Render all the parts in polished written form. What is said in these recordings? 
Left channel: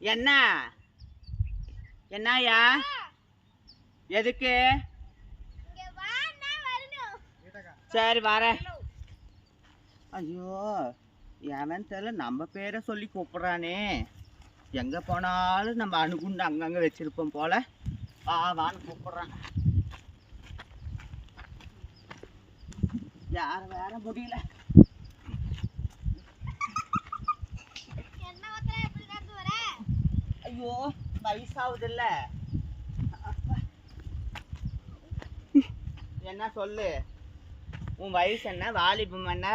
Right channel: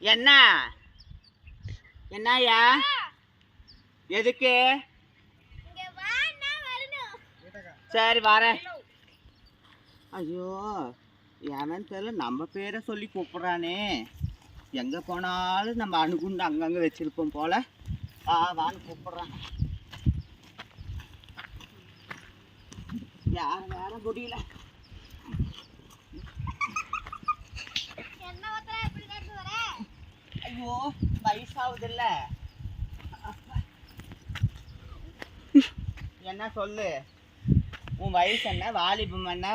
என்ன என்னயா எதுக்கு? சரி வரேன். ஐயோ ஏன்னு தெரியல, நம்ம பேரை சொல்லி கூப்பிட்றானே. எங்கே போனாலும் நம்ம அணுகுண்டு அங்கங்கே வச்சிருப்போம் போல. வான்னு கூப்பிட்றான். யாரும் வேற முடியல. ஐயோ வயசாகுது இல்ல. என்ன சொல்லு, உன் வயசு என்ன, வாலிபம் என்ன,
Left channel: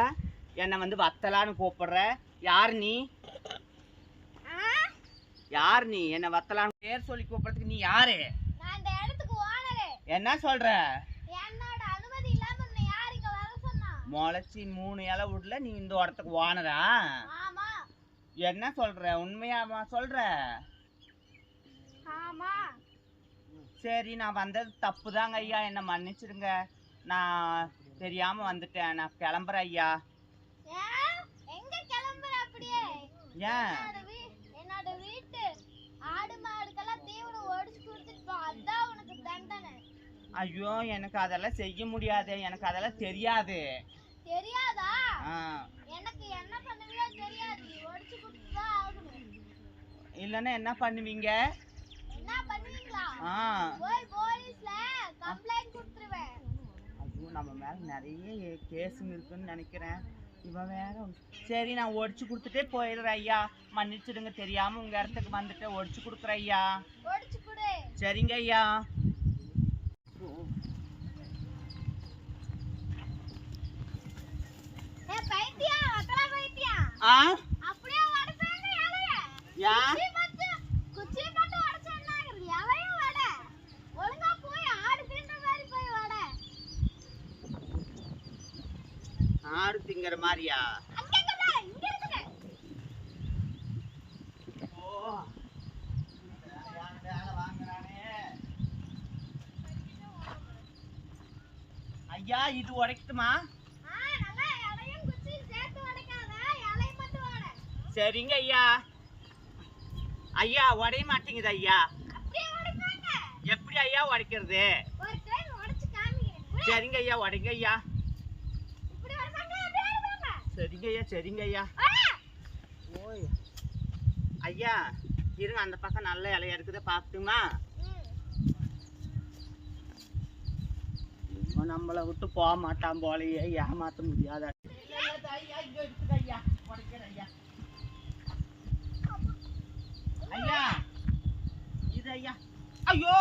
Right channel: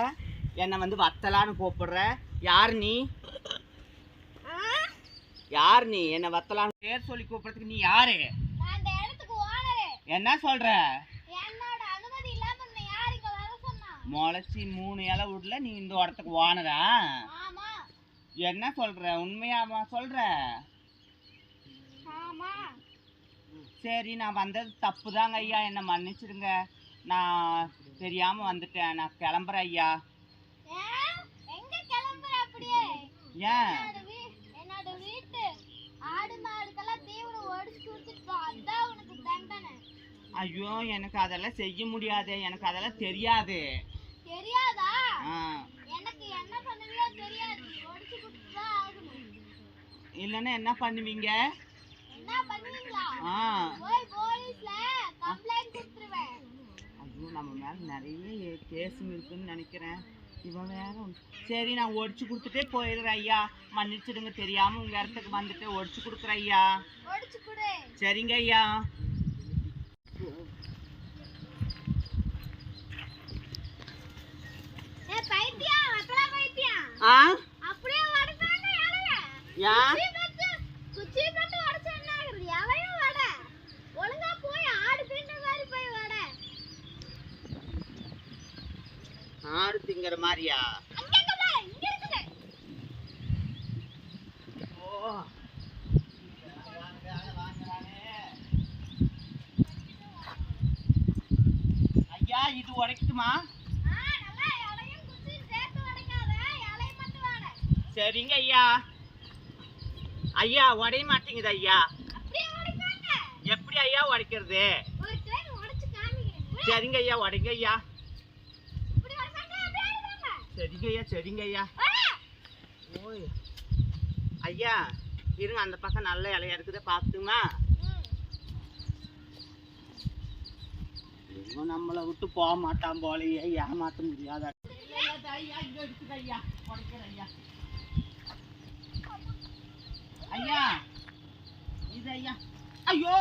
என்னை வந்து வத்தலான்னு கூப்பிடுற? யார் நீ? யார் நீ என்ன வத்தலான்னு பேர் சொல்லி கூப்பிடுறதுக்கு? நீ யாரு? என்ன சொல்ற? முளைச்சி 3 இலை விடல, நீ இந்த இடத்துக்கு ஓனரா? என்ன சொல்ற, உண்மையாமா சொல்ற? சரி, நான் வந்தது தப்பு தாங்க ஐயா, என்னை மன்னிச்சிடுங்க. நான் தெரியாம வந்துட்டேன். நான் கிளம்புறேன் ஐயா. ஏன்? ஐயோ எனக்கு அதெல்லாம் செய்ய முடியாது, எனக்கு அதெல்லாம் தெரியாது. தெரியாதா? எனக்கு என்ன பண்ணுவீங்க தெரியாது. ஒடிச்சு குடுத்தா ஆகணும். இல்லனா என்ன பண்ணுவீங்க? என்ன பண்ணுவீங்களா? போய் போலீஸ்ல கம்ப்ளைன்ட் கொடுத்துருவேன். ஐயோ நம்ம மேல நிறைய கேஸ் இருக்குன்னு நினைக்கிறேன். இவன் வேற. சரி நான் ஒடிச்சு கொடுத்துட்டே போயிடுறேன் ஐயா, மன்னிச்சிடுங்க. தெரியாம உங்க இடத்துக்கு வந்துட்டு ஒடிச்சு கொடுக்குறேன் ஐயா. ஒடிச்சு கொடு. சரிங்க ஐயா. அப்படியே வடதாங்க இலைய. குச்சி மட்டும் உடைச்சா என்ன ஆகுது? இலையும் வட. ஒழுங்கா போய் ஆடு திங்கிற மாதிரி போய் வட. ஆடு திங்கிற மாதிரியா? இங்க இருக்குது. ஓ வேலை வாங்குறானே ஐயா. இது உடைக்கட்டுமா? சரிங்க ஐயா. ஐயா உடைய மாட்டேங்குது ஐயா. எப்படி ஐயா உடைக்கிறது? சரிங்க ஐயா, உடைங்க ஐயா. சரிங்க ஐயா, சரிங்க ஐயா. ஓய் ஐயா இருங்க, அந்த பக்கம் நல்ல இலையா இருக்குது, பார்த்துமா? இவன் நம்மளை விட்டு போக மாட்டான் போலையே, ஏமாற்ற முடியாத. ஐயா உடைக்கிறேன் ஐயா. ஐயா இது ஐயா. ஐயோ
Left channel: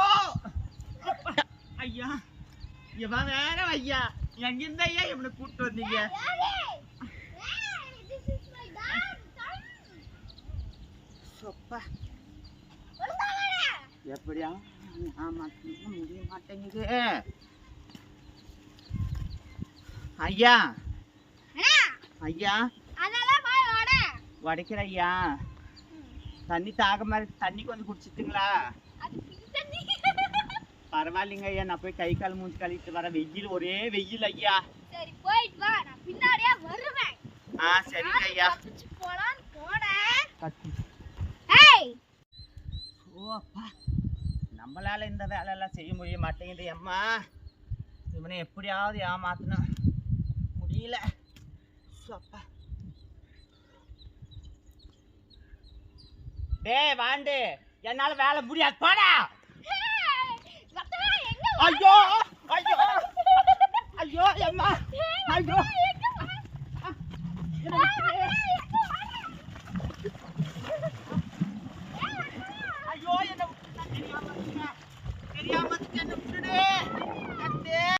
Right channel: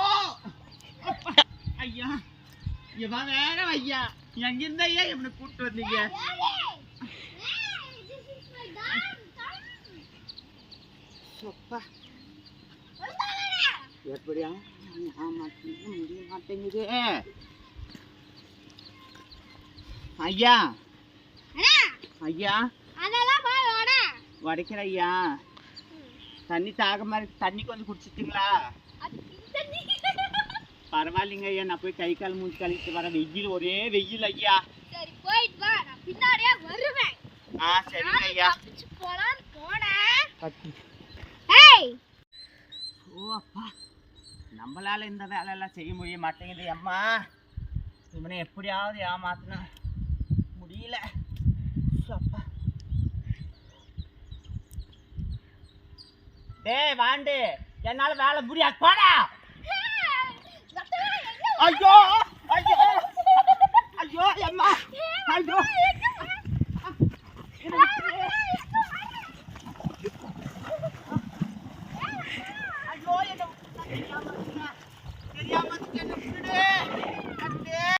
ஐயா, இவன் வேற ஐயா. எங்கிருந்த ஐயா இவனை கூப்பிட்டு வந்தீங்க? எப்படியா முடிய மாட்டேங்குது ஐயா. ஐயா உடைக்கிற ஐயா. தண்ணி தாக மாதிரி தண்ணி கொஞ்சம் குடிச்சிட்டுங்களா? பரவாயில்லைங்க ஐயா, நான் போய் கை கால் மூஞ்சி கழிட்டு வரேன். வெயில், ஒரே வெயில் ஐயா. சரிங்க ஐயா. ஓ அப்பா, நம்மளால இந்த வேலை எல்லாம் செய்ய முடிய மாட்டேங்குது அம்மா. இவனை எப்படியாவது ஏமாத்தின முடியல. அப்பா டேய் வாண்டு, என்னால வேலை முடியாது போடா. ஐயோ